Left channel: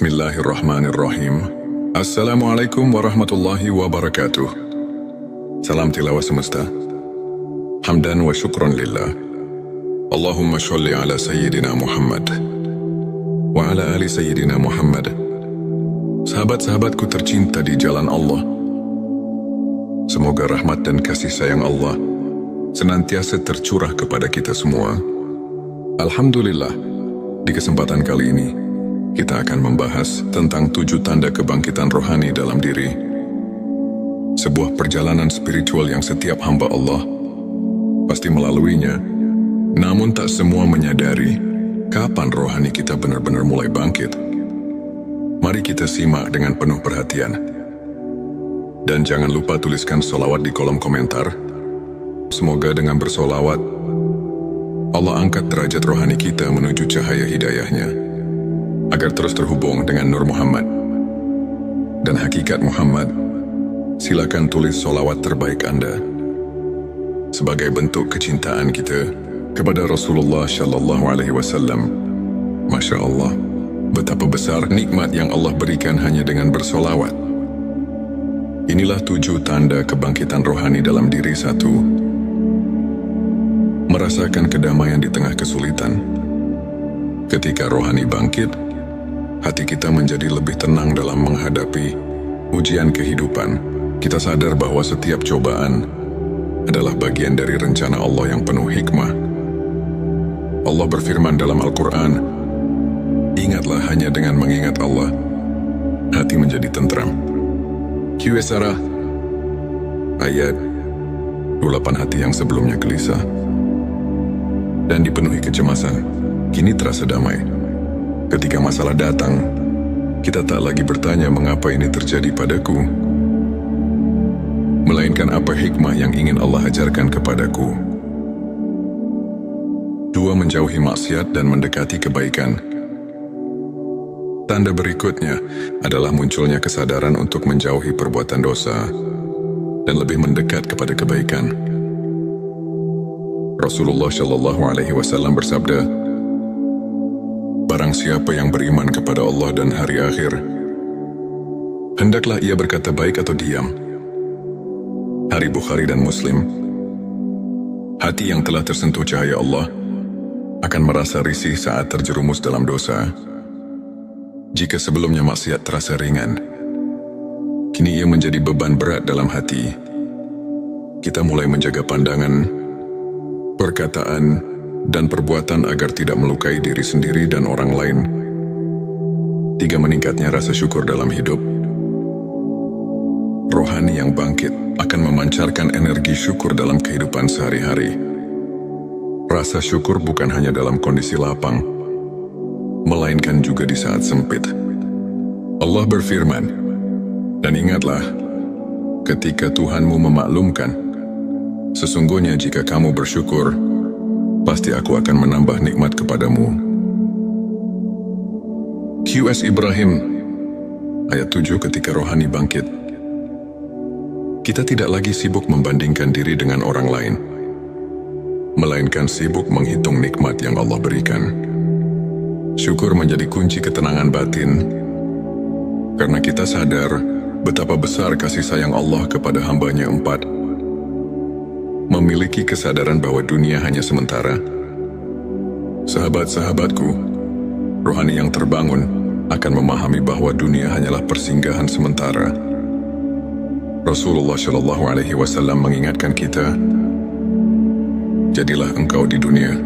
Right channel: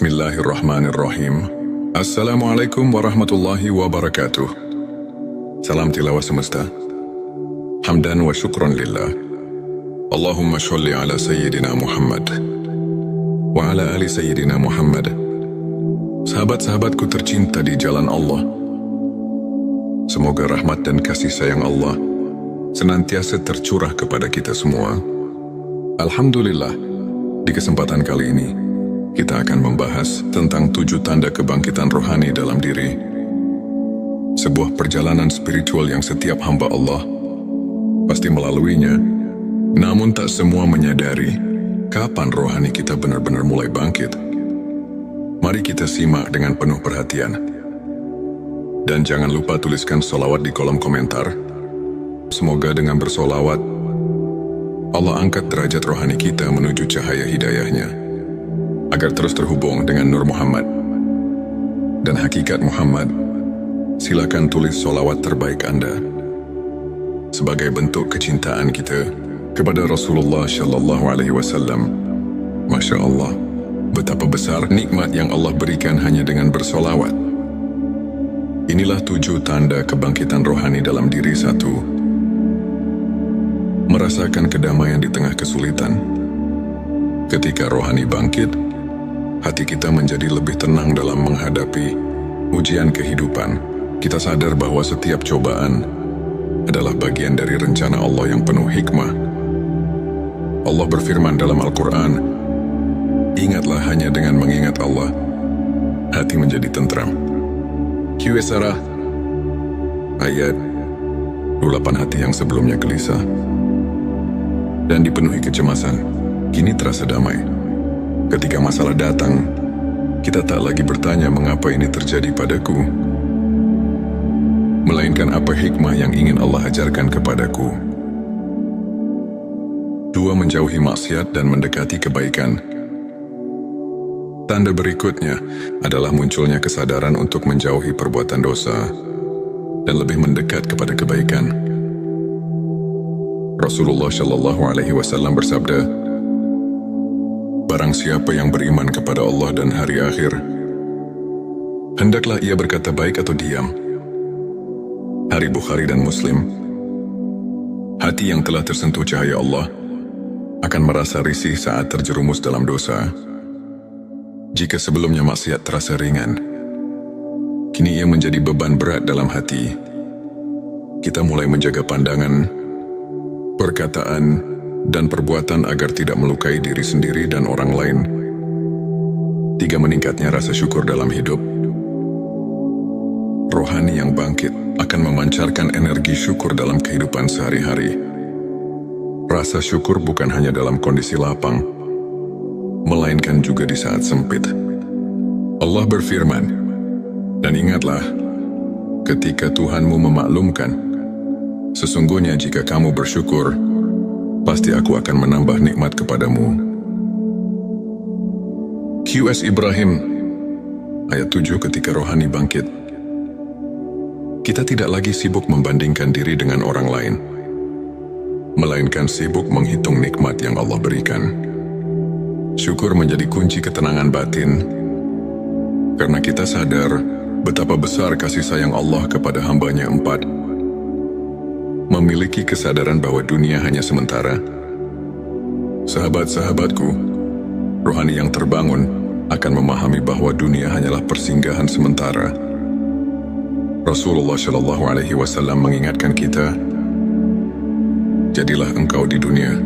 Bismillahirrahmanirrahim. Assalamualaikum warahmatullahi wabarakatuh. Salam tilawah semesta. Hamdan wa syukran lillah. Allahumma sholli ala Sayyidina Muhammad wa ala ali Sayyidina Muhammad. Sahabat-sahabatku tercinta di jalan Allah, semoga rahmat dan kasih sayang Allah senantiasa tercurah kepada kita semua. Alhamdulillah, di kesempatan kali ini kita akan membahas tentang 7 tanda kebangkitan rohani dalam diri. Sebuah perjalanan spiritual yang setiap hamba Allah pasti melaluinya, namun tak semua menyadari kapan rohani kita benar-benar mulai bangkit. Mari kita simak dengan penuh perhatian. Dan jangan lupa tuliskan sholawat di kolom komentar. Semoga dengan bersolawat, Allah angkat derajat rohani kita menuju cahaya hidayahnya, agar terus terhubung dengan Nur Muhammad dan hakikat Muhammad. Silakan tulis sholawat terbaik Anda sebagai bentuk kecintaan kita kepada Rasulullah Shallallahu Alaihi Wasallam. Masya Allah, betapa besar nikmat yang Allah berikan hanya dengan bersolawat. Inilah 7 tanda kebangkitan rohani dalam diri. 1. Merasakan kedamaian di tengah kesulitan. Ketika rohani bangkit, hati kita menjadi lebih tenang dalam menghadapi ujian kehidupan. Kita sadar bahwa setiap cobaan adalah bagian dari rencana Allah yang penuh hikmah. Allah berfirman dalam Al-Quran, "Ingatlah hanya dengan mengingat Allah, hati menjadi tentram." Qs ayat 28. Hati yang sebelumnya gelisah dan dipenuhi kecemasan, kini terasa damai. Ketika masalah datang, kita tak lagi bertanya mengapa ini terjadi padaku, melainkan apa hikmah yang ingin Allah ajarkan kepadaku. 2. Menjauhi maksiat dan mendekati kebaikan. Tanda berikutnya adalah munculnya kesadaran untuk menjauhi perbuatan dosa dan lebih mendekat kepada kebaikan. Rasulullah Shallallahu Alaihi Wasallam bersabda, "Barang siapa yang beriman kepada Allah dan hari akhir, hendaklah ia berkata baik atau diam." Hari Bukhari dan Muslim. Hati yang telah tersentuh cahaya Allah akan merasa risih saat terjerumus dalam dosa. Jika sebelumnya maksiat terasa ringan, kini ia menjadi beban berat dalam hati. Kita mulai menjaga pandangan, perkataan, dan perbuatan agar tidak melukai diri sendiri dan orang lain. 3. Meningkatnya rasa syukur dalam hidup. Rohani yang bangkit akan memancarkan energi syukur dalam kehidupan sehari-hari. Rasa syukur bukan hanya dalam kondisi lapang, melainkan juga di saat sempit. Allah berfirman, "Dan ingatlah, ketika Tuhanmu memaklumkan, sesungguhnya jika kamu bersyukur, pasti aku akan menambah nikmat kepadamu." Qs Ibrahim ayat 7. Ketika rohani bangkit, kita tidak lagi sibuk membandingkan diri dengan orang lain, melainkan sibuk menghitung nikmat yang Allah berikan. Syukur menjadi kunci ketenangan batin, karena kita sadar betapa besar kasih sayang Allah kepada hambanya. 4. Memiliki kesadaran bahwa dunia hanya sementara. Sahabat-sahabatku, rohani yang terbangun akan memahami bahwa dunia hanyalah persinggahan sementara. Rasulullah Shallallahu Alaihi Wasallam mengingatkan kita, "Jadilah engkau di dunia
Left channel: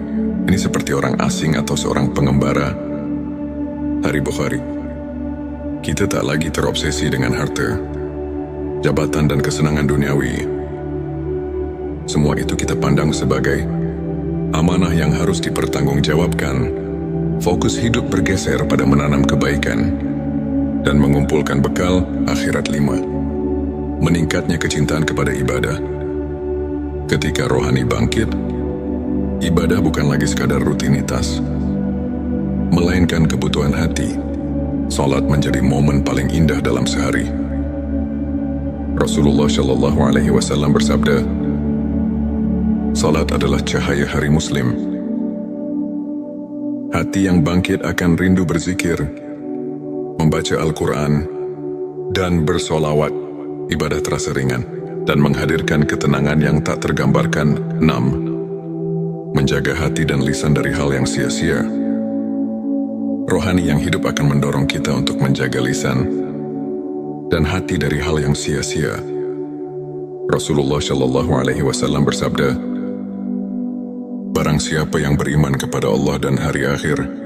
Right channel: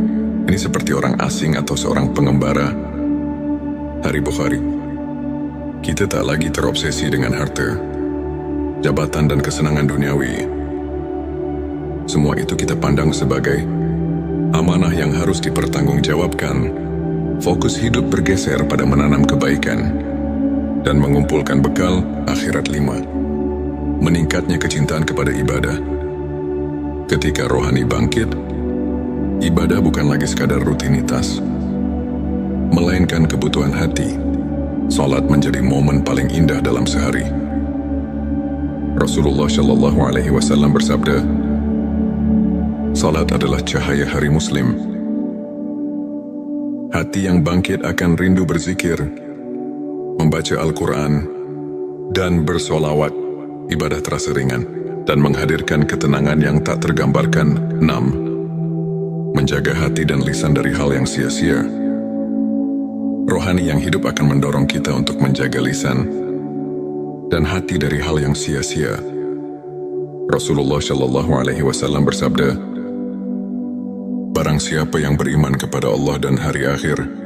ini seperti orang asing atau seorang pengembara." Hari Bukhari. Kita tak lagi terobsesi dengan harta, jabatan, dan kesenangan duniawi. Semua itu kita pandang sebagai amanah yang harus dipertanggungjawabkan. Fokus hidup bergeser pada menanam kebaikan dan mengumpulkan bekal akhirat. 5. Meningkatnya kecintaan kepada ibadah. Ketika rohani bangkit, ibadah bukan lagi sekadar rutinitas, melainkan kebutuhan hati. Salat menjadi momen paling indah dalam sehari. Rasulullah Shallallahu Alaihi Wasallam bersabda, "Salat adalah cahaya hari Muslim." Hati yang bangkit akan rindu berzikir, membaca Al-Quran, dan bersolawat, ibadah terasa ringan dan menghadirkan ketenangan yang tak tergambarkan. 6. Menjaga hati dan lisan dari hal yang sia-sia. Rohani yang hidup akan mendorong kita untuk menjaga lisan dan hati dari hal yang sia-sia. Rasulullah Shallallahu Alaihi Wasallam bersabda, "Barang siapa yang beriman kepada Allah dan hari akhir,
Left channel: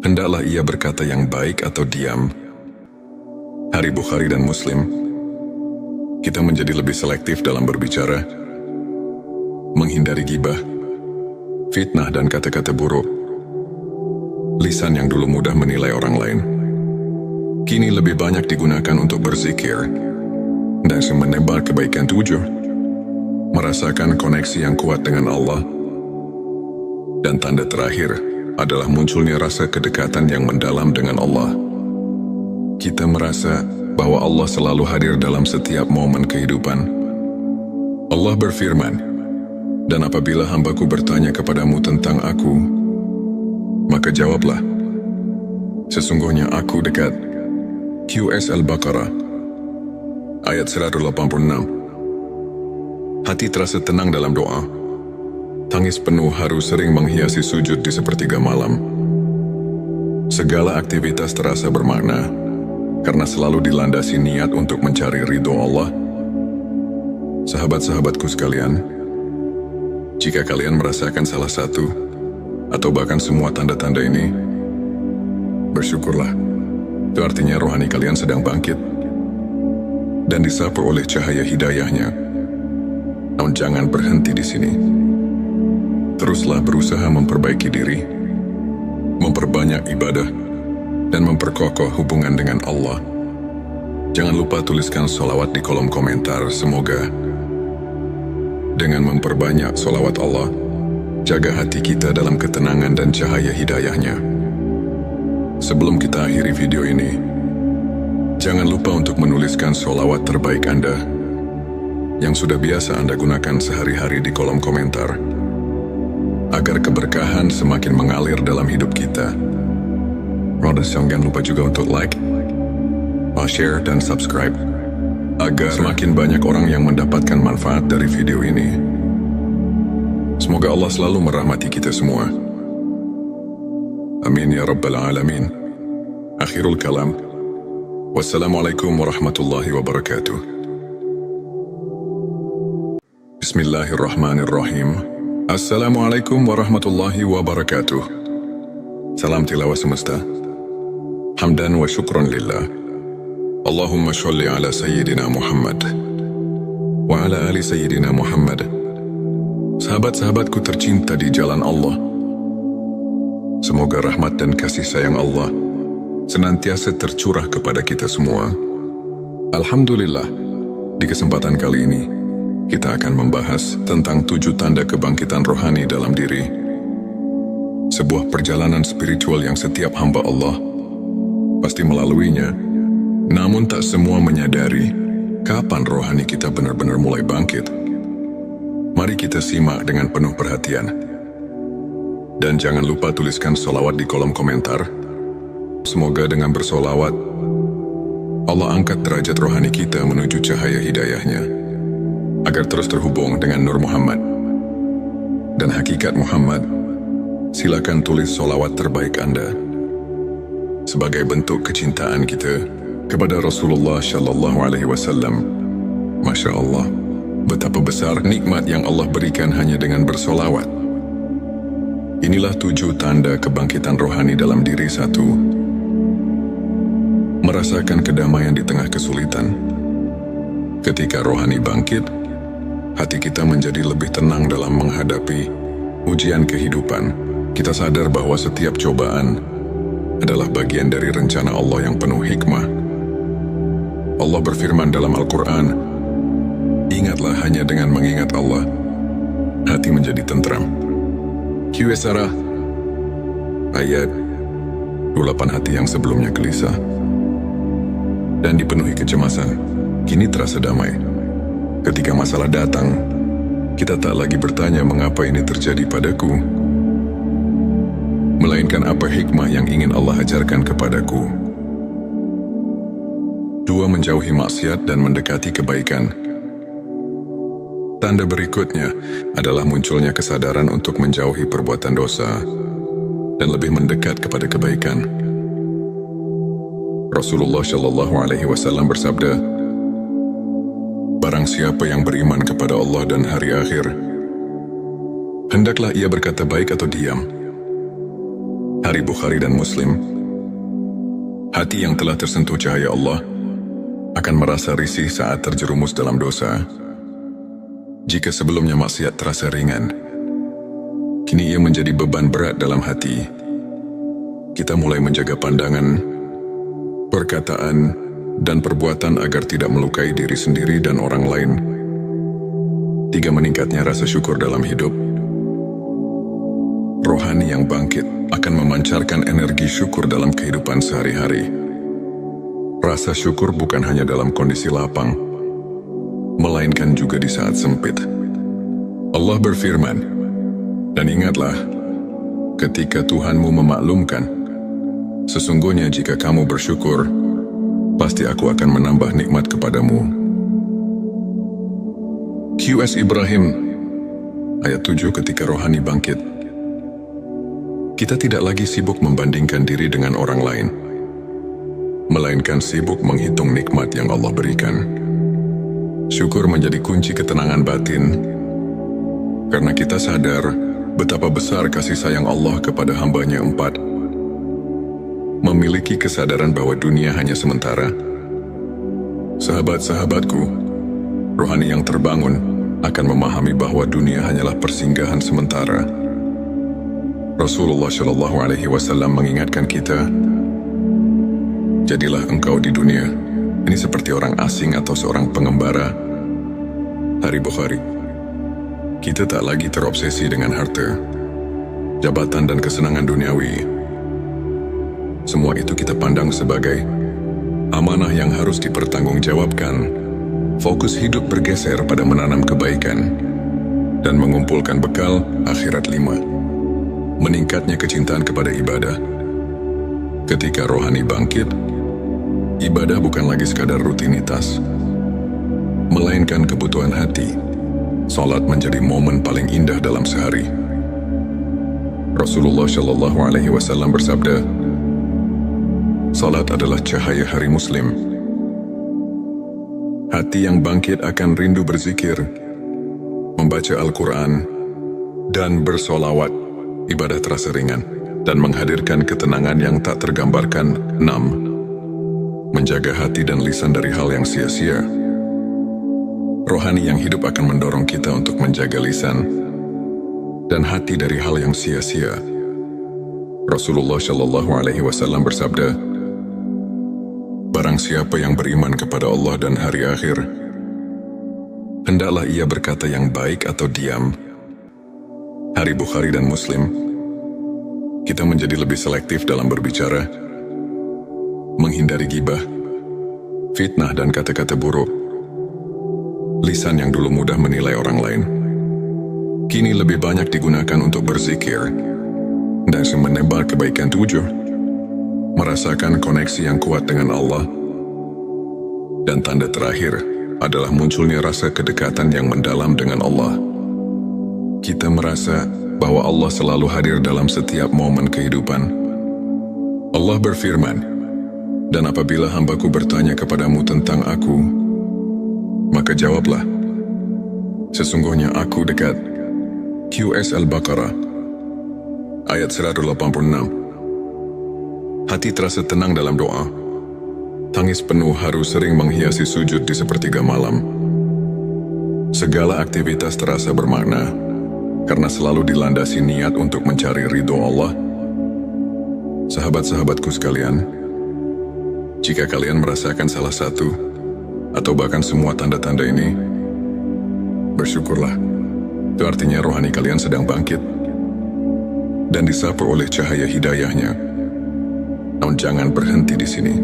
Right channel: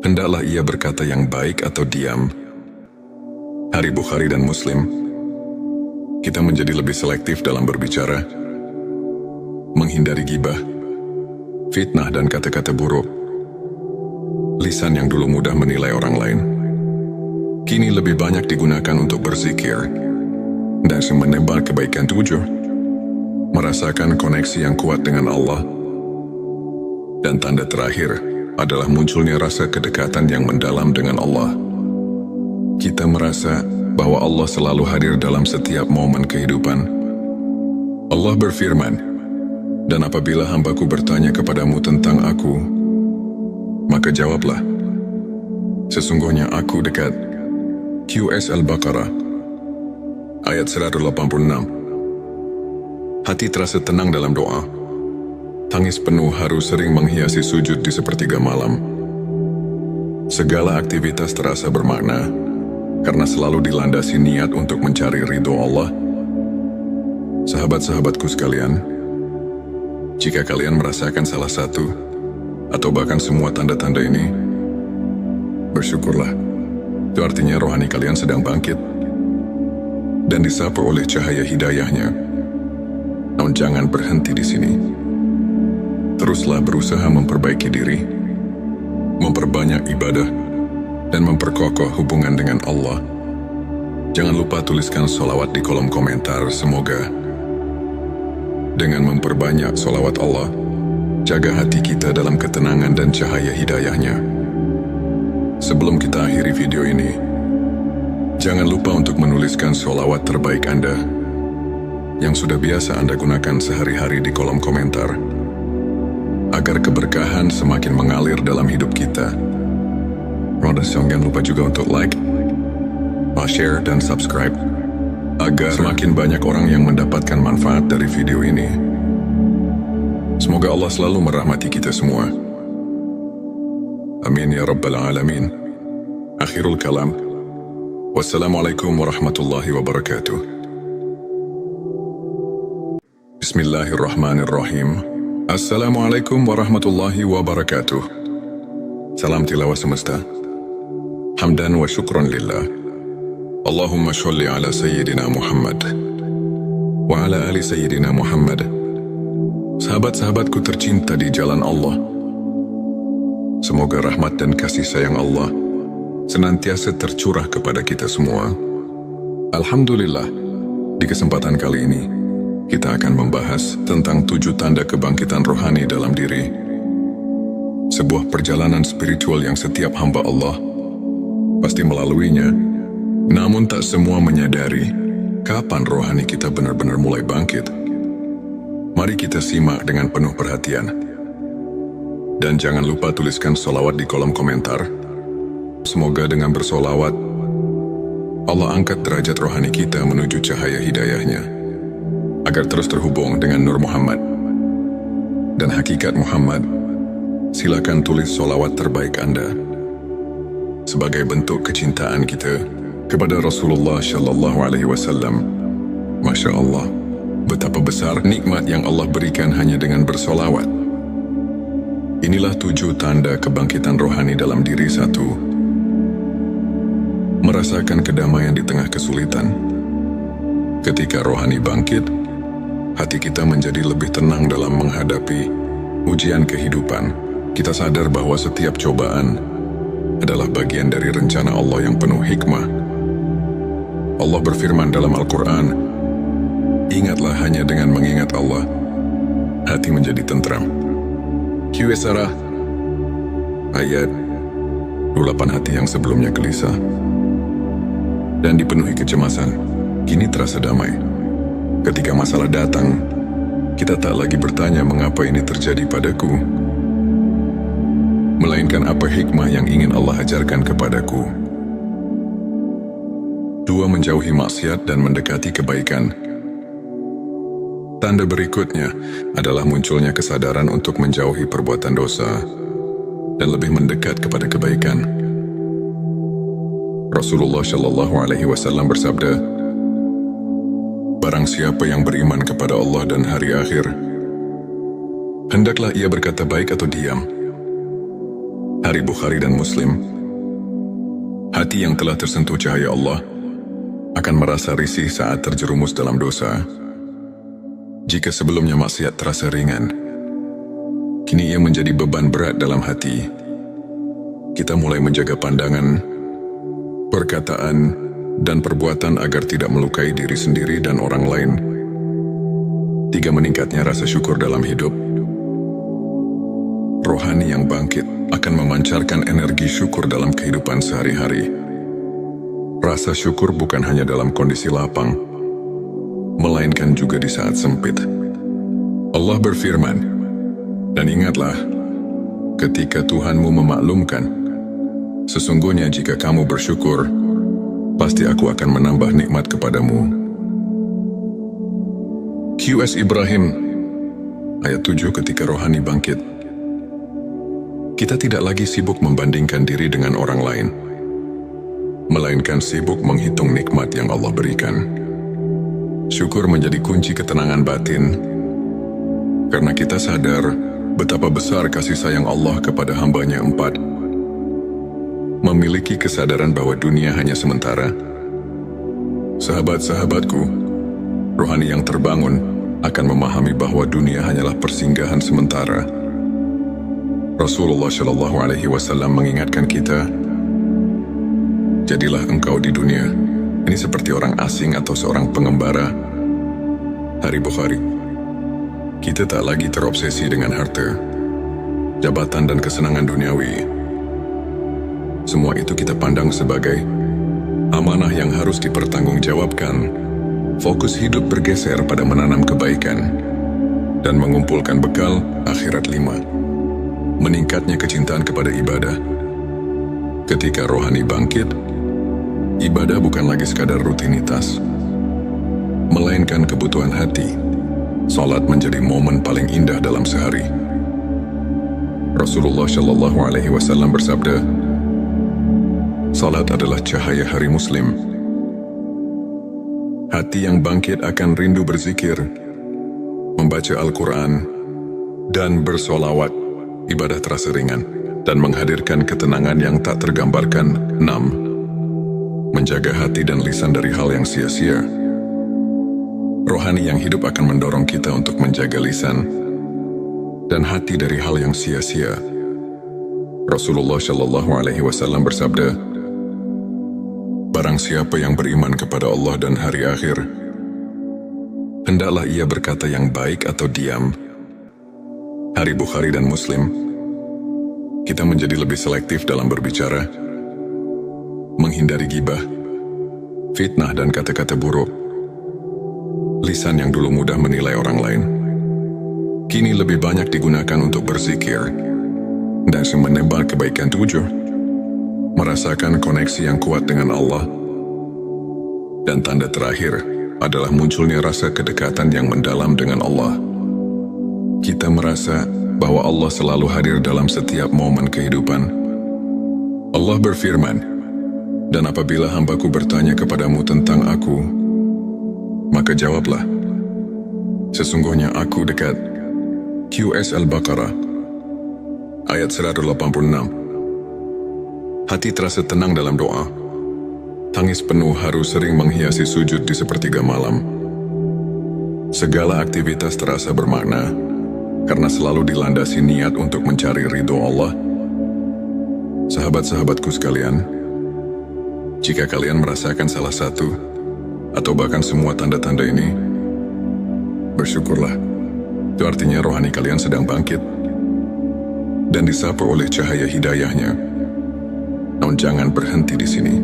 hendaklah ia berkata yang baik atau diam." Hari Bukhari dan Muslim. Kita menjadi lebih selektif dalam berbicara, menghindari gibah, fitnah dan kata-kata buruk. Lisan yang dulu mudah menilai orang lain, kini lebih banyak digunakan untuk berzikir dan menebar kebaikan tujuh, merasakan koneksi yang kuat dengan Allah. Dan tanda terakhir adalah munculnya rasa kedekatan yang mendalam dengan Allah. Kita merasa bahwa Allah selalu hadir dalam setiap momen kehidupan. Allah berfirman, "Dan apabila hambaku bertanya kepadamu tentang aku, maka jawablah, sesungguhnya aku dekat." QS Al-Baqarah, ayat 186. Hati terasa tenang dalam doa. Tangis penuh haru sering menghiasi sujud di sepertiga malam. Segala aktivitas terasa bermakna, karena selalu dilandasi niat untuk mencari ridho Allah. Sahabat-sahabatku sekalian, jika kalian merasakan salah satu atau bahkan semua tanda-tanda ini, bersyukurlah. Itu artinya rohani kalian sedang bangkit dan disapu oleh cahaya hidayahnya. Namun jangan berhenti di sini. Teruslah berusaha memperbaiki diri, memperbanyak ibadah, dan memperkokoh hubungan dengan Allah. Jangan lupa tuliskan sholawat di kolom komentar. Semoga dengan memperbanyak sholawat Allah, jaga hati kita dalam ketenangan dan cahaya hidayahnya. Sebelum kita akhiri video ini, jangan lupa untuk menuliskan sholawat terbaik Anda yang sudah biasa Anda gunakan sehari-hari di kolom komentar, agar keberkahan semakin mengalir dalam hidup kita. Jangan lupa juga untuk like, share, dan subscribe, agar semakin banyak orang yang mendapatkan manfaat dari video ini. Semoga Allah selalu merahmati kita semua. Amin ya Rabbal Alamin. Akhirul kalam. Wassalamualaikum warahmatullahi wabarakatuh. Bismillahirrahmanirrahim. Assalamualaikum warahmatullahi wabarakatuh. Salam tilawah semesta. Hamdan wa syukron lillah. Allahumma sholli ala Sayyidina Muhammad wa ala ali Sayyidina Muhammad. Sahabat-sahabatku tercinta di jalan Allah, semoga rahmat dan kasih sayang Allah senantiasa tercurah kepada kita semua. Alhamdulillah, di kesempatan kali ini, kita akan membahas tentang 7 tanda kebangkitan rohani dalam diri. Sebuah perjalanan spiritual yang setiap hamba Allah pasti melaluinya, namun tak semua menyadari kapan rohani kita benar-benar mulai bangkit. Mari kita simak dengan penuh perhatian. Dan jangan lupa tuliskan sholawat di kolom komentar. Semoga dengan bersolawat, Allah angkat derajat rohani kita menuju cahaya hidayahnya, agar terus terhubung dengan Nur Muhammad dan hakikat Muhammad. Silakan tulis sholawat terbaik Anda sebagai bentuk kecintaan kita kepada Rasulullah Shallallahu Alaihi Wasallam. Masya Allah, betapa besar nikmat yang Allah berikan hanya dengan bersolawat. Inilah 7 tanda kebangkitan rohani dalam diri. 1. Merasakan kedamaian di tengah kesulitan. Ketika rohani bangkit, hati kita menjadi lebih tenang dalam menghadapi ujian kehidupan. Kita sadar bahwa setiap cobaan adalah bagian dari rencana Allah yang penuh hikmah. Allah berfirman dalam Al-Quran, "Ingatlah hanya dengan mengingat Allah, hati menjadi tentram." QS ayat 28. Hati yang sebelumnya gelisah dan dipenuhi kecemasan, kini terasa damai. Ketika masalah datang, kita tak lagi bertanya mengapa ini terjadi padaku, melainkan apa hikmah yang ingin Allah ajarkan kepadaku. 2. Menjauhi maksiat dan mendekati kebaikan. Tanda berikutnya adalah munculnya kesadaran untuk menjauhi perbuatan dosa dan lebih mendekat kepada kebaikan. Rasulullah Shallallahu Alaihi Wasallam bersabda, "Barang siapa yang beriman kepada Allah dan hari akhir, hendaklah ia berkata baik atau diam." Hari Bukhari dan Muslim. Hati yang telah tersentuh cahaya Allah akan merasa risih saat terjerumus dalam dosa. Jika sebelumnya maksiat terasa ringan, kini ia menjadi beban berat dalam hati. Kita mulai menjaga pandangan, perkataan, dan perbuatan agar tidak melukai diri sendiri dan orang lain. 3. Meningkatnya rasa syukur dalam hidup. Rohani yang bangkit akan memancarkan energi syukur dalam kehidupan sehari-hari. Rasa syukur bukan hanya dalam kondisi lapang, melainkan juga di saat sempit. Allah berfirman, "Dan ingatlah, ketika Tuhanmu memaklumkan, sesungguhnya jika kamu bersyukur, pasti aku akan menambah nikmat kepadamu." QS Ibrahim, ayat 7. Ketika rohani bangkit, kita tidak lagi sibuk membandingkan diri dengan orang lain, melainkan sibuk menghitung nikmat yang Allah berikan. Syukur menjadi kunci ketenangan batin, karena kita sadar betapa besar kasih sayang Allah kepada hamba-Nya. 4. Memiliki kesadaran bahwa dunia hanya sementara. Sahabat-sahabatku, rohani yang terbangun akan memahami bahwa dunia hanyalah persinggahan sementara. Rasulullah Shallallahu Alaihi Wasallam mengingatkan kita, "Jadilah engkau di dunia ini seperti orang asing atau seorang pengembara." Hari Bukhari. Kita tak lagi terobsesi dengan harta, jabatan, dan kesenangan duniawi. Semua itu kita pandang sebagai amanah yang harus dipertanggungjawabkan. Fokus hidup bergeser pada menanam kebaikan dan mengumpulkan bekal akhirat. 5. Meningkatnya kecintaan kepada ibadah. Ketika rohani bangkit, ibadah bukan lagi sekadar rutinitas, melainkan kebutuhan hati. Salat menjadi momen paling indah dalam sehari. Rasulullah Shallallahu Alaihi Wasallam bersabda, "Salat adalah cahaya hari Muslim." Hati yang bangkit akan rindu berzikir, membaca Al-Quran, dan bersolawat. Ibadah terasa ringan dan menghadirkan ketenangan yang tak tergambarkan. 6. Menjaga hati dan lisan dari hal yang sia-sia. Rohani yang hidup akan mendorong kita untuk menjaga lisan dan hati dari hal yang sia-sia. Rasulullah Shallallahu Alaihi Wasallam bersabda, "Barang siapa yang beriman kepada Allah dan hari akhir, hendaklah ia berkata yang baik atau diam." Hari Bukhari dan Muslim. Kita menjadi lebih selektif dalam berbicara, menghindari gibah, fitnah, dan kata-kata buruk. Lisan yang dulu mudah menilai orang lain, kini lebih banyak digunakan untuk berzikir dan menebar kebaikan. 7. Merasakan koneksi yang kuat dengan Allah. Dan tanda terakhir adalah munculnya rasa kedekatan yang mendalam dengan Allah. Kita merasa bahwa Allah selalu hadir dalam setiap momen kehidupan. Allah berfirman, "Dan apabila hambaku bertanya kepadamu tentang aku, maka jawablah, sesungguhnya aku dekat." QS Al-Baqarah, ayat 186. Hati terasa tenang dalam doa. Tangis penuh haru sering menghiasi sujud di sepertiga malam. Segala aktivitas terasa bermakna, karena selalu dilandasi niat untuk mencari ridho Allah. Sahabat-sahabatku sekalian, jika kalian merasakan salah satu atau bahkan semua tanda-tanda ini, bersyukurlah. Itu artinya rohani kalian sedang bangkit dan disapu oleh cahaya hidayahnya. Namun jangan berhenti di sini.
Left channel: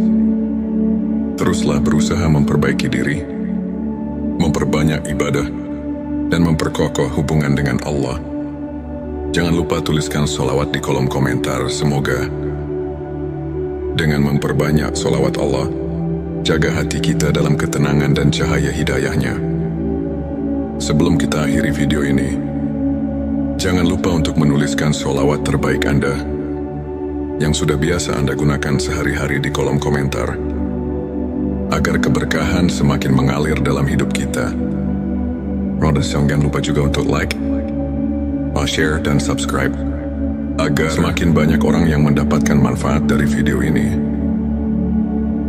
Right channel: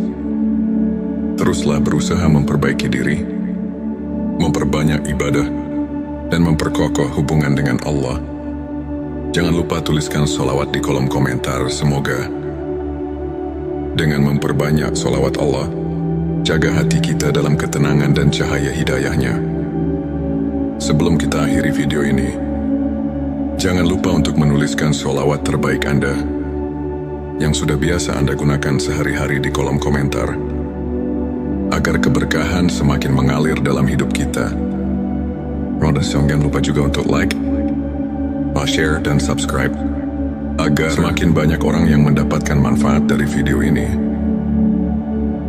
Teruslah berusaha memperbaiki diri, memperbanyak ibadah, dan memperkokoh hubungan dengan Allah. Jangan lupa tuliskan sholawat di kolom komentar. Semoga dengan memperbanyak sholawat Allah, jaga hati kita dalam ketenangan dan cahaya hidayahnya. Sebelum kita akhiri video ini, jangan lupa untuk menuliskan sholawat terbaik Anda yang sudah biasa Anda gunakan sehari-hari di kolom komentar, agar keberkahan semakin mengalir dalam hidup kita. Jangan lupa juga untuk like, share, dan subscribe, agar semakin banyak orang yang mendapatkan manfaat dari video ini.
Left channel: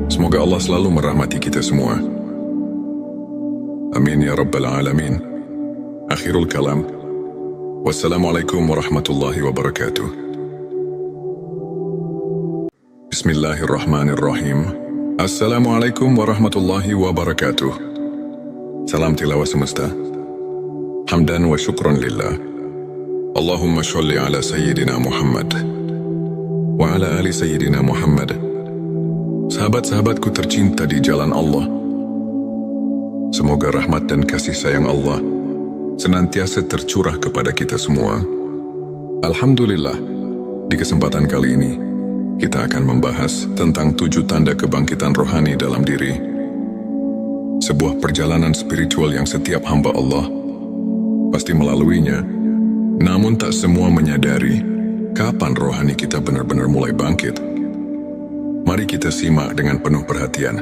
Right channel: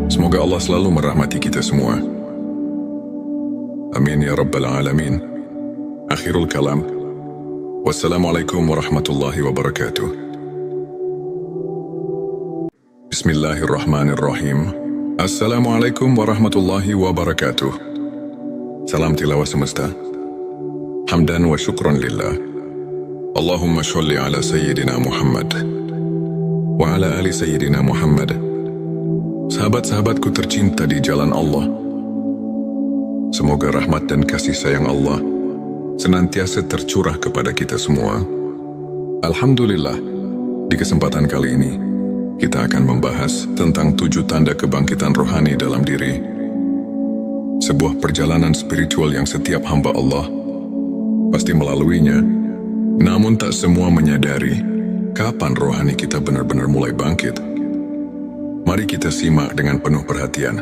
Semoga Allah selalu merahmati kita semua. Amin ya Rabbal Alamin. Akhirul kalam. Wassalamualaikum warahmatullahi wabarakatuh. Bismillahirrahmanirrahim. Assalamualaikum warahmatullahi wabarakatuh. Salam tilawah semesta. Hamdan wa syukron lillah. Allahumma sholli ala Sayyidina Muhammad wa ala ali Sayyidina Muhammad. Sahabat-sahabatku tercinta di jalan Allah, semoga rahmat dan kasih sayang Allah senantiasa tercurah kepada kita semua. Alhamdulillah, di kesempatan kali ini, kita akan membahas tentang 7 tanda kebangkitan rohani dalam diri. Sebuah perjalanan spiritual yang setiap hamba Allah pasti melaluinya, namun tak semua menyadari kapan rohani kita benar-benar mulai bangkit. Mari kita simak dengan penuh perhatian.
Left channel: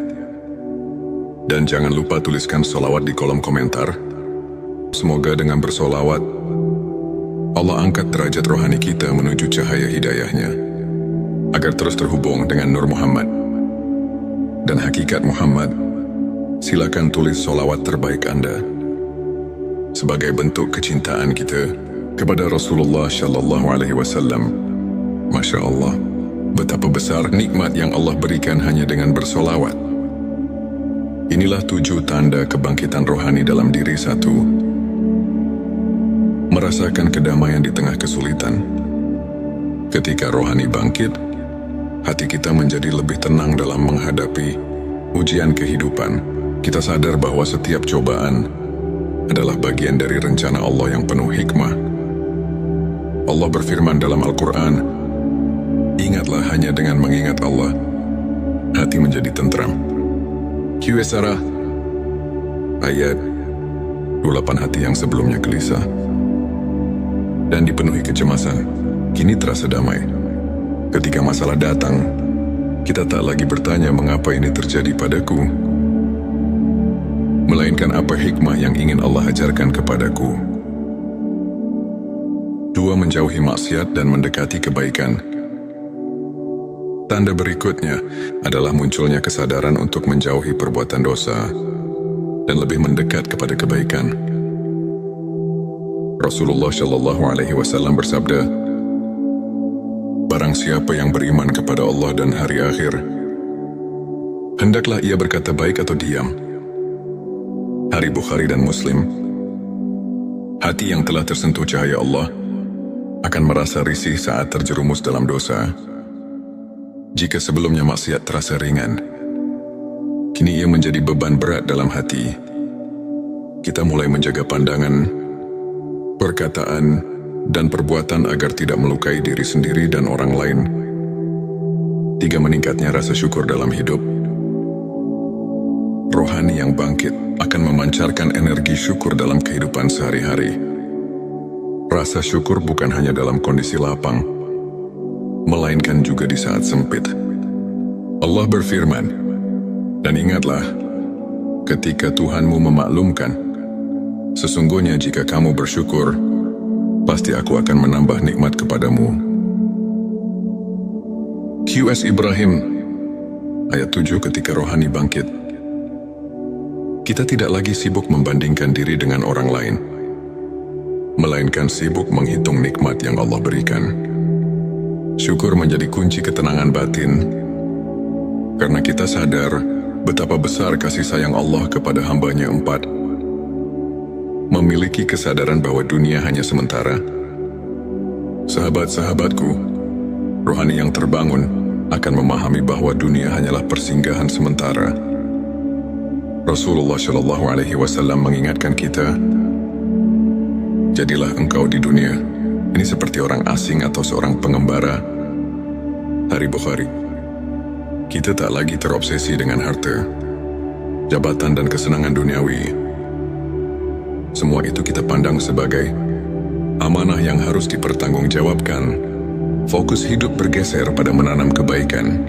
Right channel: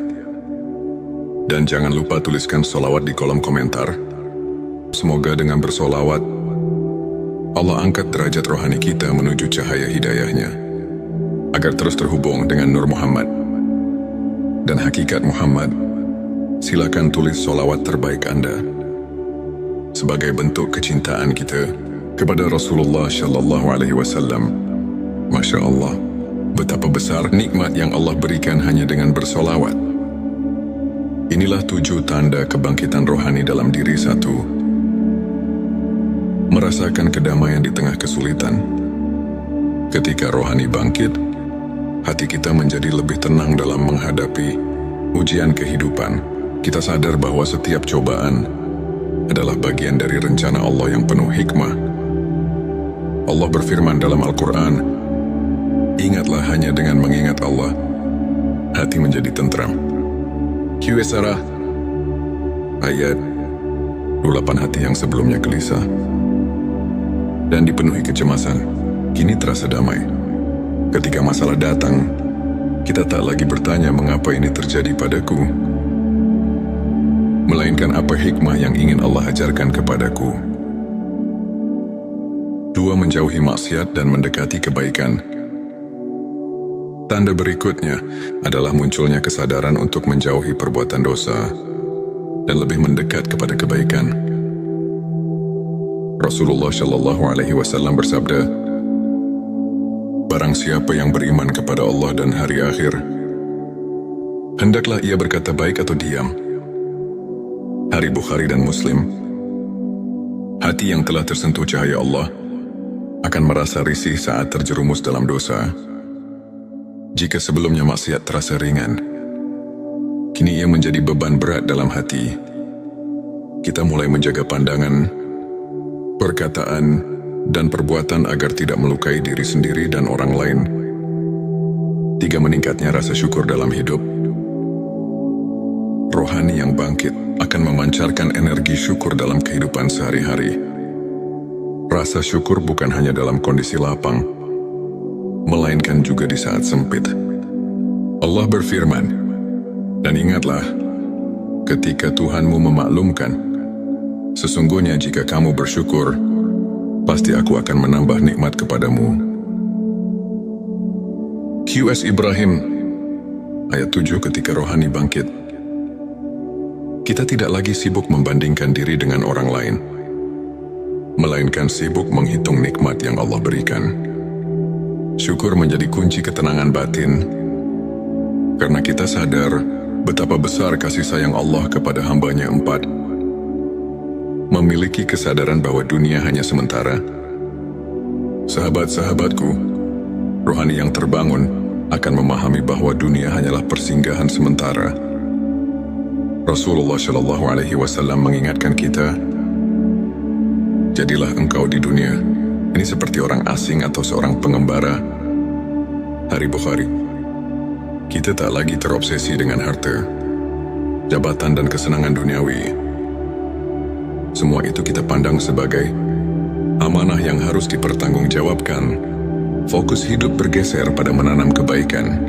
Dan jangan lupa tuliskan sholawat di kolom komentar. Semoga dengan bersolawat, Allah angkat derajat rohani kita menuju cahaya hidayahnya, agar terus terhubung dengan Nur Muhammad dan hakikat Muhammad. Silakan tulis sholawat terbaik Anda sebagai bentuk kecintaan kita kepada Rasulullah Shallallahu Alaihi Wasallam. Masya Allah, betapa besar nikmat yang Allah berikan hanya dengan bersolawat. Inilah 7 tanda kebangkitan rohani dalam diri. 1. Merasakan kedamaian di tengah kesulitan. Ketika rohani bangkit, hati kita menjadi lebih tenang dalam menghadapi ujian kehidupan. Kita sadar bahwa setiap cobaan adalah bagian dari rencana Allah yang penuh hikmah. Allah berfirman dalam Al-Quran, ingatlah hanya dengan mengingat Allah, hati menjadi tentram. Qs ayat 28. Hati yang sebelumnya gelisah dan dipenuhi kecemasan, kini terasa damai. Ketika masalah datang, kita tak lagi bertanya mengapa ini terjadi padaku, melainkan apa hikmah yang ingin Allah ajarkan kepadaku. 2. Menjauhi maksiat dan mendekati kebaikan. Tanda berikutnya adalah munculnya kesadaran untuk menjauhi perbuatan dosa dan lebih mendekat kepada kebaikan. Rasulullah Shallallahu Alaihi Wasallam bersabda, barang siapa yang beriman kepada Allah dan hari akhir, hendaklah ia berkata baik atau diam. Hari Bukhari dan Muslim. Hati yang telah tersentuh cahaya Allah akan merasa risih saat terjerumus dalam dosa. Jika sebelumnya maksiat terasa ringan, kini ia menjadi beban berat dalam hati. Kita mulai menjaga pandangan, perkataan, dan perbuatan agar tidak melukai diri sendiri dan orang lain. 3. Meningkatnya rasa syukur dalam hidup. Rohani yang bangkit akan memancarkan energi syukur dalam kehidupan sehari-hari. Rasa syukur bukan hanya dalam kondisi lapang, melainkan juga di saat sempit. Allah berfirman, dan ingatlah, ketika Tuhanmu memaklumkan, sesungguhnya jika kamu bersyukur, pasti aku akan menambah nikmat kepadamu. Qs Ibrahim, ayat 7. Ketika rohani bangkit, kita tidak lagi sibuk membandingkan diri dengan orang lain, melainkan sibuk menghitung nikmat yang Allah berikan. Syukur menjadi kunci ketenangan batin, karena kita sadar betapa besar kasih sayang Allah kepada hambanya. 4. Memiliki kesadaran bahwa dunia hanya sementara. Sahabat-sahabatku, rohani yang terbangun akan memahami bahwa dunia hanyalah persinggahan sementara. Rasulullah Shallallahu Alaihi Wasallam mengingatkan kita, jadilah engkau di dunia ini seperti orang asing atau seorang pengembara. Hari Bukhari. Kita tak lagi terobsesi dengan harta, jabatan dan kesenangan duniawi. Semua itu kita pandang sebagai amanah yang harus dipertanggungjawabkan. Fokus hidup bergeser pada menanam kebaikan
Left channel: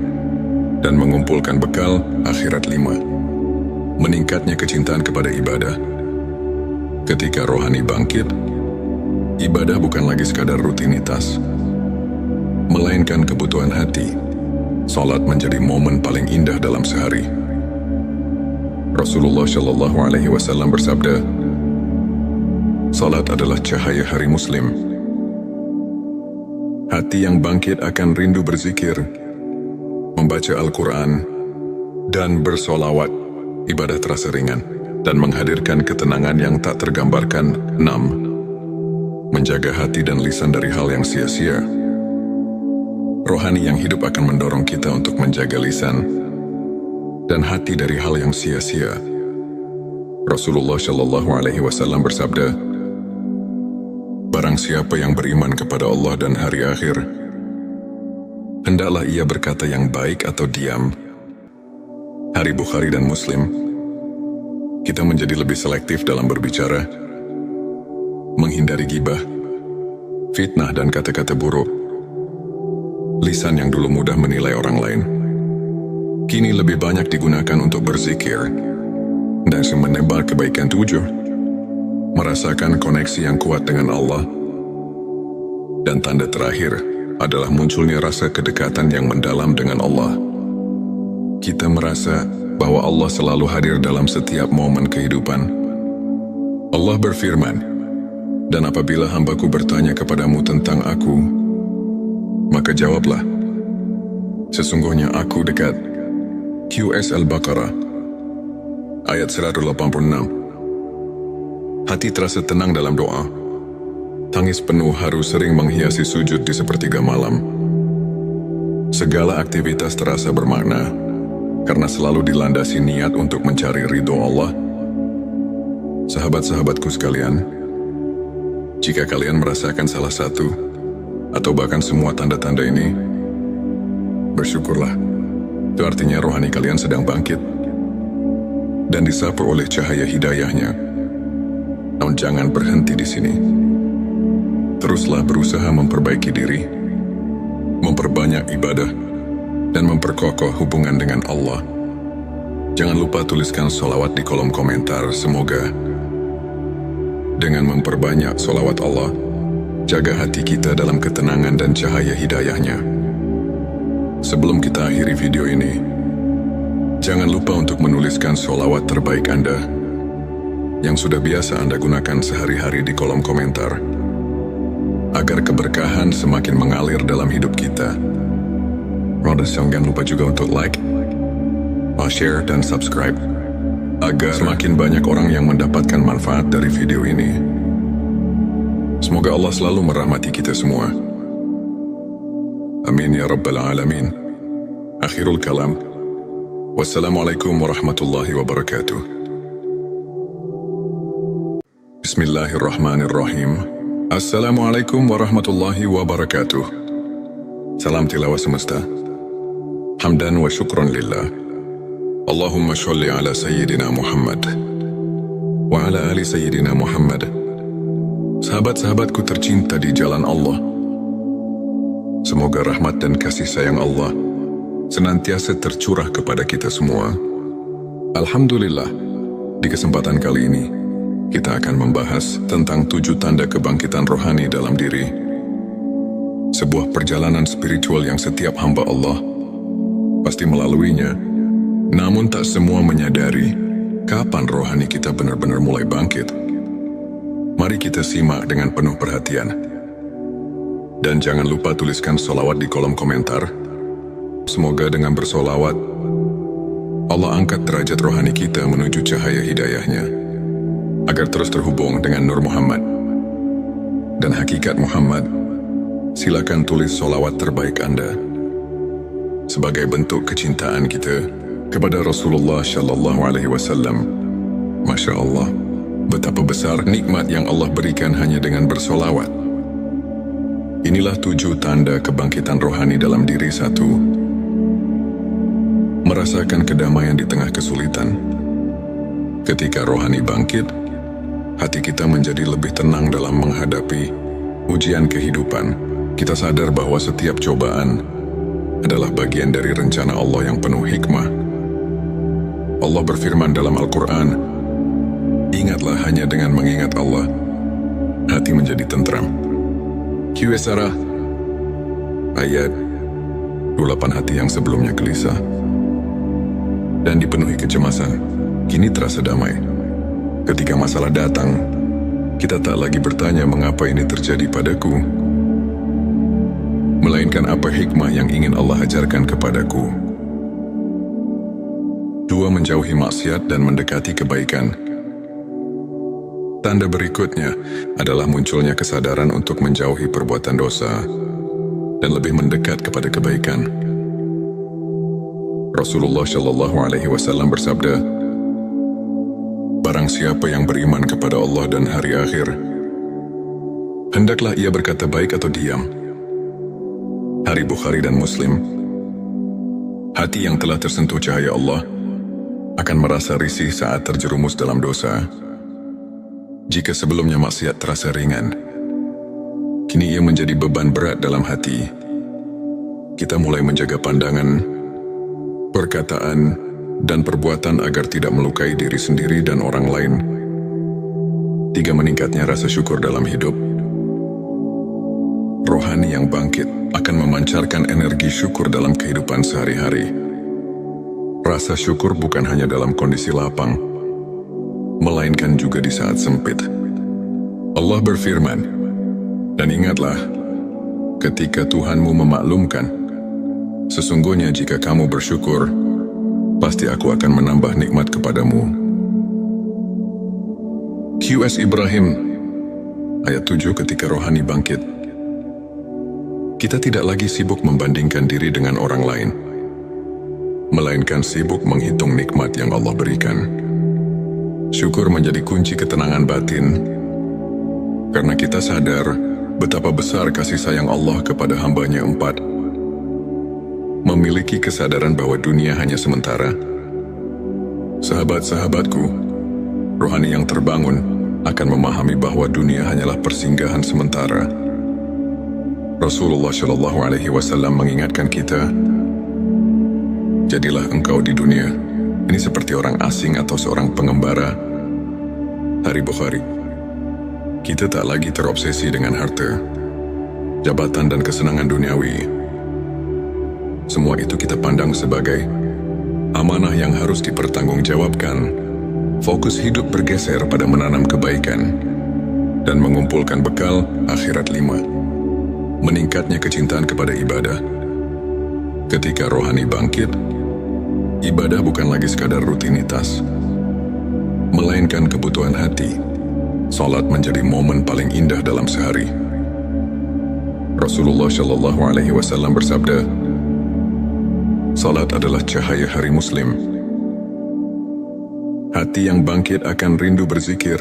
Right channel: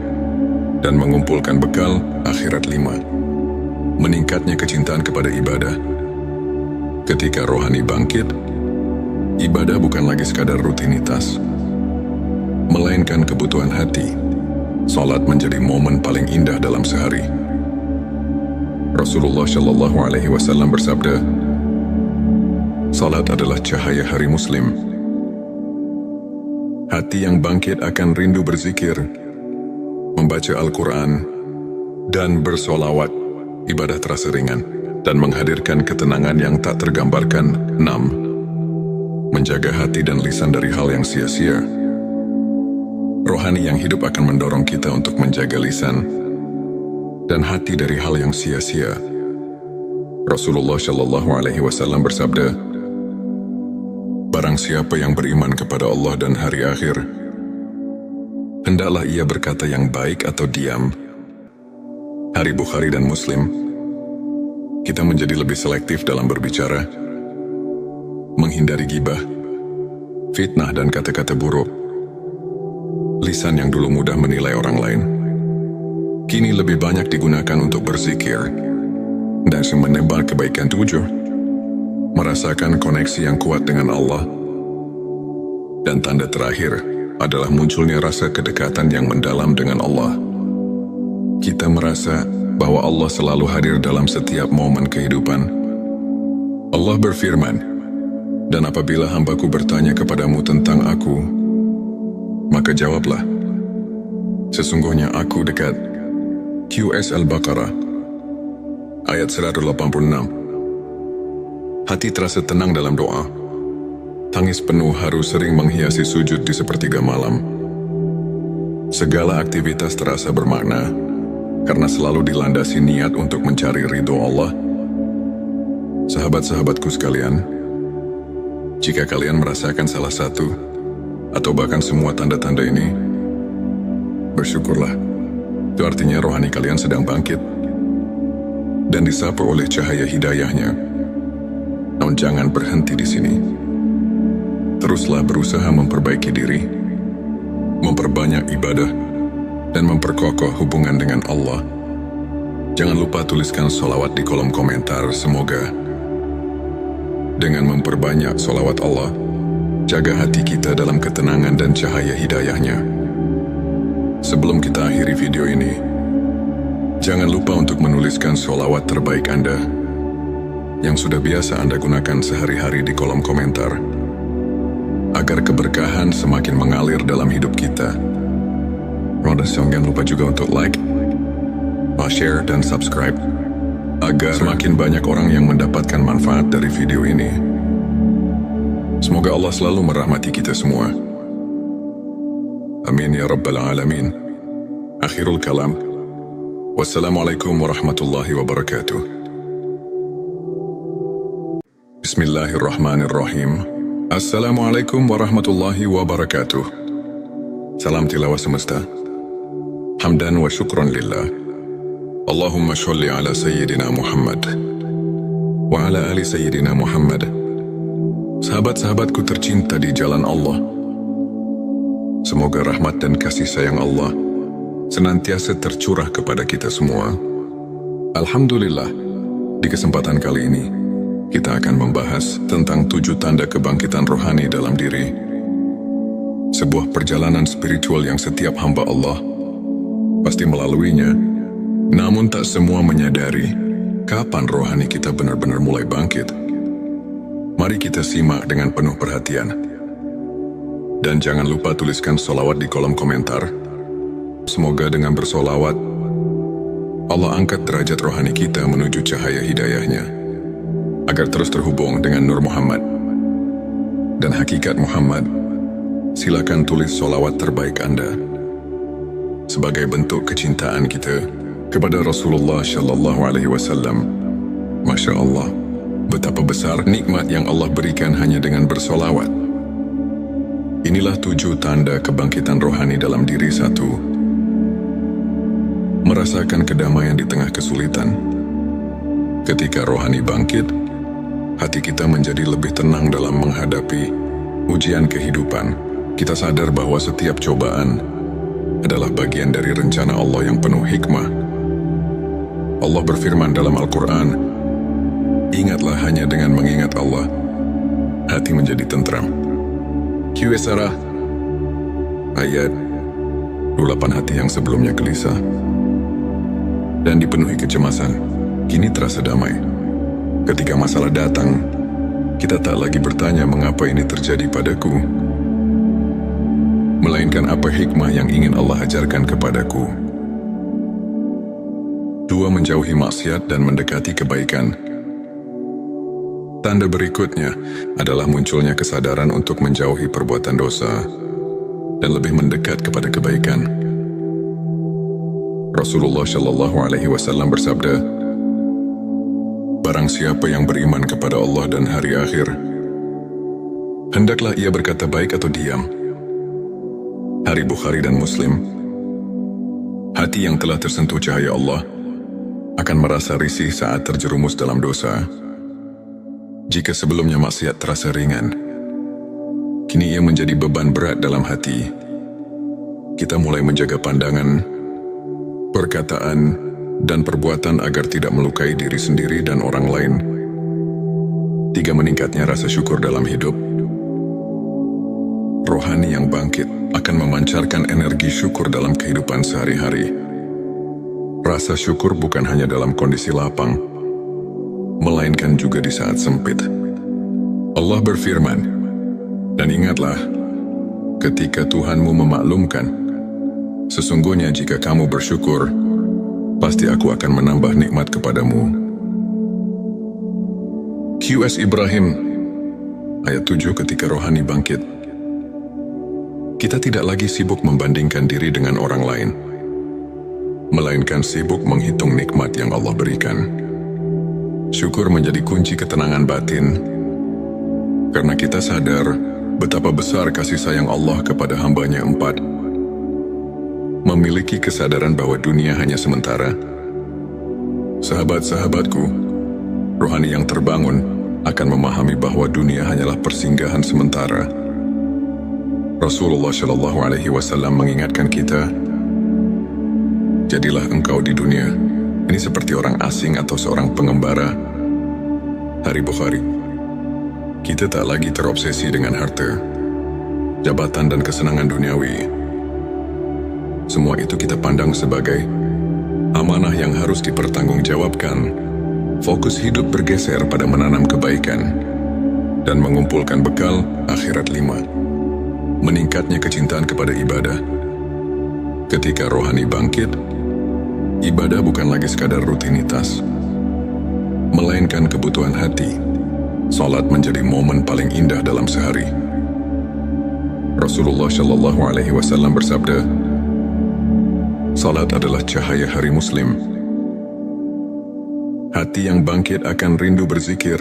dan mengumpulkan bekal akhirat 5. Meningkatnya kecintaan kepada ibadah. Ketika rohani bangkit, ibadah bukan lagi sekadar rutinitas, melainkan kebutuhan hati. Salat menjadi momen paling indah dalam sehari. Rasulullah Shallallahu Alaihi Wasallam bersabda, salat adalah cahaya hari Muslim. Hati yang bangkit akan rindu berzikir, membaca Al-Quran, dan bersolawat. Ibadah terasa ringan dan menghadirkan ketenangan yang tak tergambarkan. 6. Menjaga hati dan lisan dari hal yang sia-sia. Rohani yang hidup akan mendorong kita untuk menjaga lisan dan hati dari hal yang sia-sia. Rasulullah Shallallahu Alaihi Wasallam bersabda, barang siapa yang beriman kepada Allah dan hari akhir, hendaklah ia berkata yang baik atau diam. Hari Bukhari dan Muslim. Kita menjadi lebih selektif dalam berbicara, menghindari gibah, fitnah dan kata-kata buruk. Lisan yang dulu mudah menilai orang lain, kini lebih banyak digunakan untuk berzikir dan menebar kebaikan. 7. Merasakan koneksi yang kuat dengan Allah. Dan tanda terakhir adalah munculnya rasa kedekatan yang mendalam dengan Allah. Kita merasa bahwa Allah selalu hadir dalam setiap momen kehidupan. Allah berfirman, dan apabila hambaku bertanya kepadamu tentang aku, maka jawablah, sesungguhnya aku dekat. QS Al-Baqarah ayat 186. Hati terasa tenang dalam doa. Tangis penuh haru sering menghiasi sujud di sepertiga malam. Segala aktivitas terasa bermakna karena selalu dilandasi niat untuk mencari ridho Allah. Sahabat-sahabatku sekalian, jika kalian merasakan salah satu atau bahkan semua tanda-tanda ini, bersyukurlah. Itu artinya rohani kalian sedang bangkit dan disapu oleh cahaya hidayahnya. Namun jangan berhenti di sini. Teruslah berusaha memperbaiki diri, memperbanyak ibadah, dan memperkokoh hubungan dengan Allah. Jangan lupa tuliskan sholawat di kolom komentar. Semoga dengan memperbanyak sholawat Allah, jaga hati kita dalam ketenangan dan cahaya hidayahnya. Sebelum kita akhiri video ini, jangan lupa untuk menuliskan sholawat terbaik Anda yang sudah biasa Anda gunakan sehari-hari di kolom komentar, agar keberkahan semakin mengalir dalam hidup kita. Jangan lupa juga untuk like, share, dan subscribe, agar semakin banyak orang yang mendapatkan manfaat dari video ini. Semoga Allah selalu merahmati kita semua. Amin ya Rabbal Alamin. Akhirul kalam. Wassalamualaikum warahmatullahi wabarakatuh. Bismillahirrahmanirrahim. Assalamualaikum warahmatullahi wabarakatuh. Salam tilawah semesta. Hamdan wa syukran lillah. Allahumma sholli ala Sayyidina Muhammad wa ala ali Sayyidina Muhammad. Sahabat-sahabatku tercinta di jalan Allah, semoga rahmat dan kasih sayang Allah senantiasa tercurah kepada kita semua. Alhamdulillah, di kesempatan kali ini, kita akan membahas tentang 7 tanda kebangkitan rohani dalam diri. Sebuah perjalanan spiritual yang setiap hamba Allah pasti melaluinya, namun tak semua menyadari kapan rohani kita benar-benar mulai bangkit. Mari kita simak dengan penuh perhatian. Dan jangan lupa tuliskan sholawat di kolom komentar. Semoga dengan bersolawat, Allah angkat derajat rohani kita menuju cahaya hidayahnya, agar terus terhubung dengan Nur Muhammad dan hakikat Muhammad. Silakan tulis sholawat terbaik Anda sebagai bentuk kecintaan kita kepada Rasulullah Shallallahu Alaihi Wasallam. Masya Allah, betapa besar nikmat yang Allah berikan hanya dengan bersolawat. Inilah 7 tanda kebangkitan rohani dalam diri. 1. Merasakan kedamaian di tengah kesulitan. Ketika rohani bangkit, hati kita menjadi lebih tenang dalam menghadapi ujian kehidupan. Kita sadar bahwa setiap cobaan adalah bagian dari rencana Allah yang penuh hikmah. Allah berfirman dalam Al-Quran, "Ingatlah hanya dengan mengingat Allah, hati menjadi tentram." Qs ayat 28. Hati yang sebelumnya gelisah dan dipenuhi kecemasan, kini terasa damai. Ketika masalah datang, kita tak lagi bertanya mengapa ini terjadi padaku, melainkan apa hikmah yang ingin Allah ajarkan kepadaku. 2. Menjauhi maksiat dan mendekati kebaikan. Tanda berikutnya adalah munculnya kesadaran untuk menjauhi perbuatan dosa dan lebih mendekat kepada kebaikan. Rasulullah Shallallahu Alaihi Wasallam bersabda, "Barang siapa yang beriman kepada Allah dan hari akhir, hendaklah ia berkata baik atau diam." Hari Bukhari dan Muslim. Hati yang telah tersentuh cahaya Allah akan merasa risih saat terjerumus dalam dosa. Jika sebelumnya maksiat terasa ringan, kini ia menjadi beban berat dalam hati. Kita mulai menjaga pandangan, perkataan, dan perbuatan agar tidak melukai diri sendiri dan orang lain. 3. Meningkatnya rasa syukur dalam hidup. Rohani yang bangkit akan memancarkan energi syukur dalam kehidupan sehari-hari. Rasa syukur bukan hanya dalam kondisi lapang, melainkan juga di saat sempit. Allah berfirman, "Dan ingatlah, ketika Tuhanmu memaklumkan, sesungguhnya jika kamu bersyukur, pasti aku akan menambah nikmat kepadamu." Qs Ibrahim, ayat 7. Ketika rohani bangkit, kita tidak lagi sibuk membandingkan diri dengan orang lain, melainkan sibuk menghitung nikmat yang Allah berikan. Syukur menjadi kunci ketenangan batin, karena kita sadar betapa besar kasih sayang Allah kepada hamba-Nya. 4. Memiliki kesadaran bahwa dunia hanya sementara. Sahabat-sahabatku, rohani yang terbangun akan memahami bahwa dunia hanyalah persinggahan sementara. Rasulullah Shallallahu Alaihi Wasallam mengingatkan kita, "Jadilah engkau di dunia ini seperti orang asing atau seorang pengembara." Hari Bukhari. Kita tak lagi terobsesi dengan harta, jabatan, dan kesenangan duniawi. Semua itu kita pandang sebagai amanah yang harus dipertanggungjawabkan. Fokus hidup bergeser pada menanam kebaikan dan mengumpulkan bekal akhirat. 5. Meningkatnya kecintaan kepada ibadah. Ketika rohani bangkit, ibadah bukan lagi sekadar rutinitas, melainkan kebutuhan hati. Salat menjadi momen paling indah dalam sehari. Rasulullah Shallallahu Alaihi Wasallam bersabda, "Salat adalah cahaya hari Muslim." Hati yang bangkit akan rindu berzikir,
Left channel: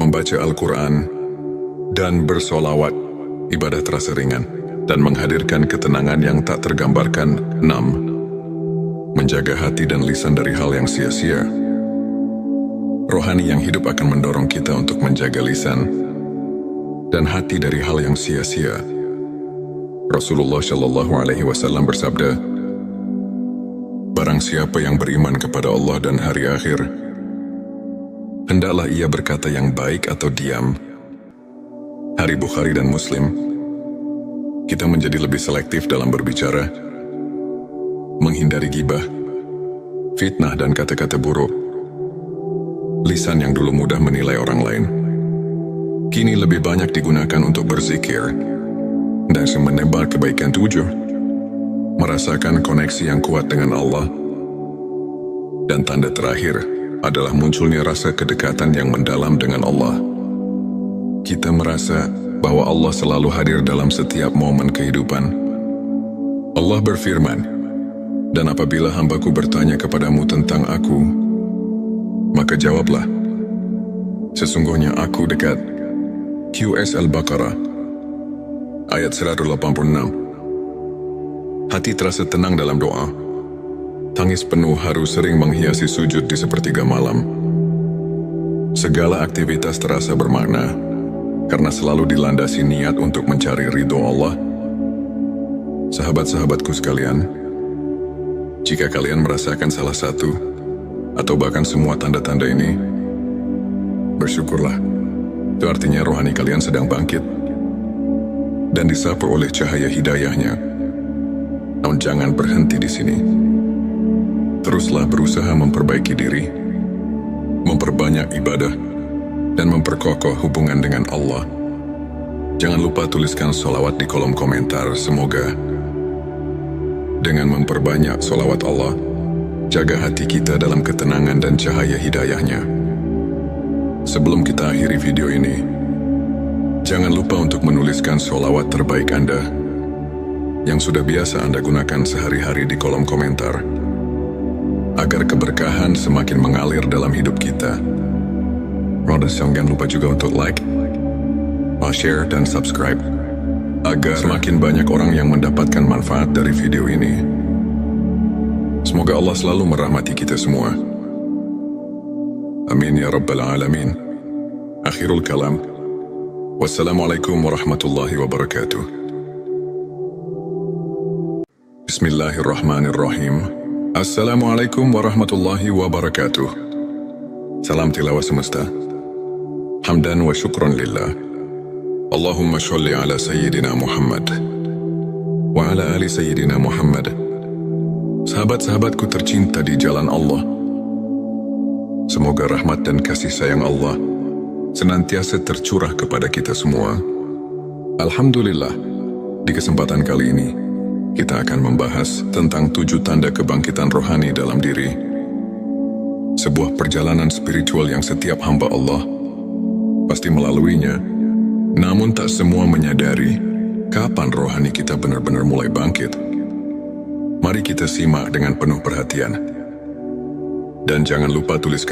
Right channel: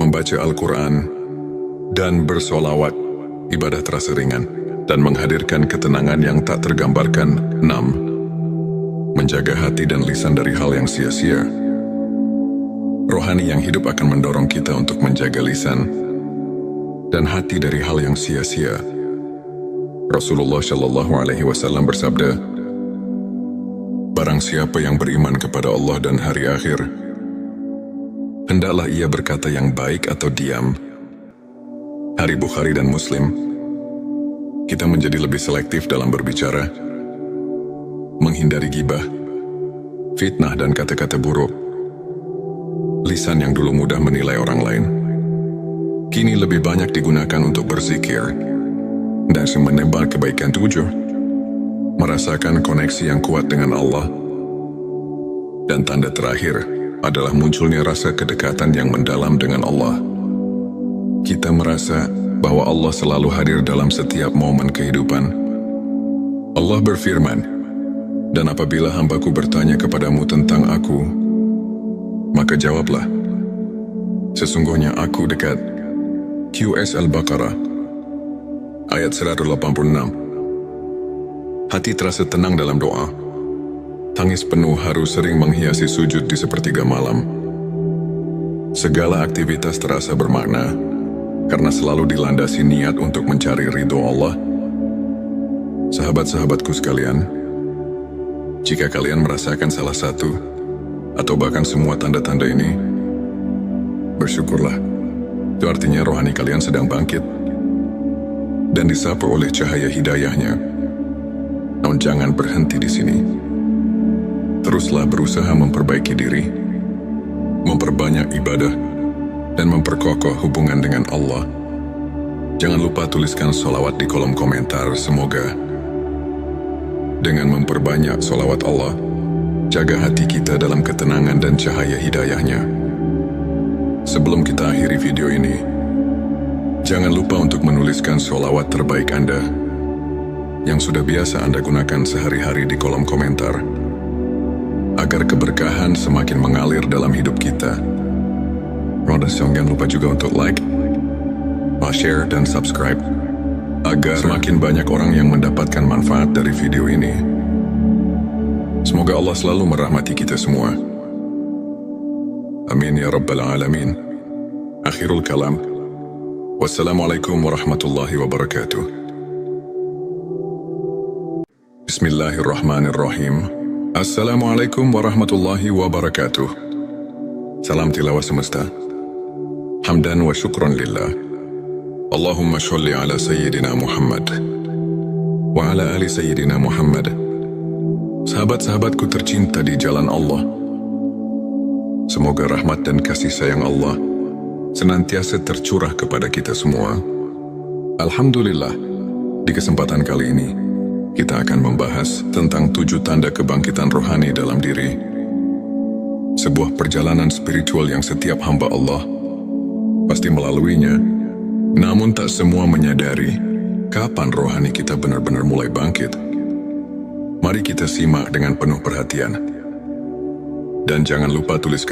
membaca Al-Quran, dan bersolawat. Ibadah terasa ringan dan menghadirkan ketenangan yang tak tergambarkan. 6. Menjaga hati dan lisan dari hal yang sia-sia. Rohani yang hidup akan mendorong kita untuk menjaga lisan dan hati dari hal yang sia-sia. Rasulullah Shallallahu Alaihi Wasallam bersabda, "Barang siapa yang beriman kepada Allah dan hari akhir, hendaklah ia berkata yang baik atau diam." Hari Bukhari dan Muslim. Kita menjadi lebih selektif dalam berbicara, menghindari gibah, fitnah, dan kata-kata buruk. Lisan yang dulu mudah menilai orang lain, kini lebih banyak digunakan untuk berzikir dan menebar kebaikan. 7. Merasakan koneksi yang kuat dengan Allah. Dan tanda terakhir adalah munculnya rasa kedekatan yang mendalam dengan Allah. Kita merasa bahwa Allah selalu hadir dalam setiap momen kehidupan. Allah berfirman, "Dan apabila hambaku bertanya kepadamu tentang aku, maka jawablah, sesungguhnya aku dekat." Qs Al-Baqarah, ayat 186. Hati terasa tenang dalam doa. Tangis penuh haru sering menghiasi sujud di sepertiga malam. Segala aktivitas terasa bermakna, karena selalu dilandasi niat untuk mencari ridho Allah. Sahabat-sahabatku sekalian, jika kalian merasakan salah satu, atau bahkan semua tanda-tanda ini, bersyukurlah. Itu artinya rohani kalian sedang bangkit, dan disapu oleh cahaya hidayahnya. Namun jangan berhenti di sini. Teruslah berusaha memperbaiki diri, memperbanyak ibadah, dan memperkokoh hubungan dengan Allah. Jangan lupa tuliskan sholawat di kolom komentar. Semoga dengan memperbanyak sholawat Allah, jaga hati kita dalam ketenangan dan cahaya hidayahnya. Sebelum kita akhiri video ini, jangan lupa untuk menuliskan sholawat terbaik Anda yang sudah biasa Anda gunakan sehari-hari di kolom komentar, agar keberkahan semakin mengalir dalam hidup kita. Jangan lupa juga untuk like, share, dan subscribe, agar semakin banyak orang yang mendapatkan manfaat dari video ini. Semoga Allah selalu merahmati kita semua. Amin ya Rabbal Alamin. Akhirul kalam. Wassalamualaikum warahmatullahi wabarakatuh. Bismillahirrahmanirrahim. Assalamualaikum warahmatullahi wabarakatuh. Salam tilawah semesta. Hamdan wa syukron lillah. Allahumma sholli ala Sayyidina Muhammad wa ala ali Sayyidina Muhammad. Sahabat-sahabatku tercinta di jalan Allah, semoga rahmat dan kasih sayang Allah senantiasa tercurah kepada kita semua. Alhamdulillah, di kesempatan kali ini kita akan membahas tentang 7 tanda kebangkitan rohani dalam diri. Sebuah perjalanan spiritual yang setiap hamba Allah pasti melaluinya, namun tak semua menyadari kapan rohani kita benar-benar mulai bangkit. Mari kita simak dengan penuh perhatian. Dan jangan lupa tuliskan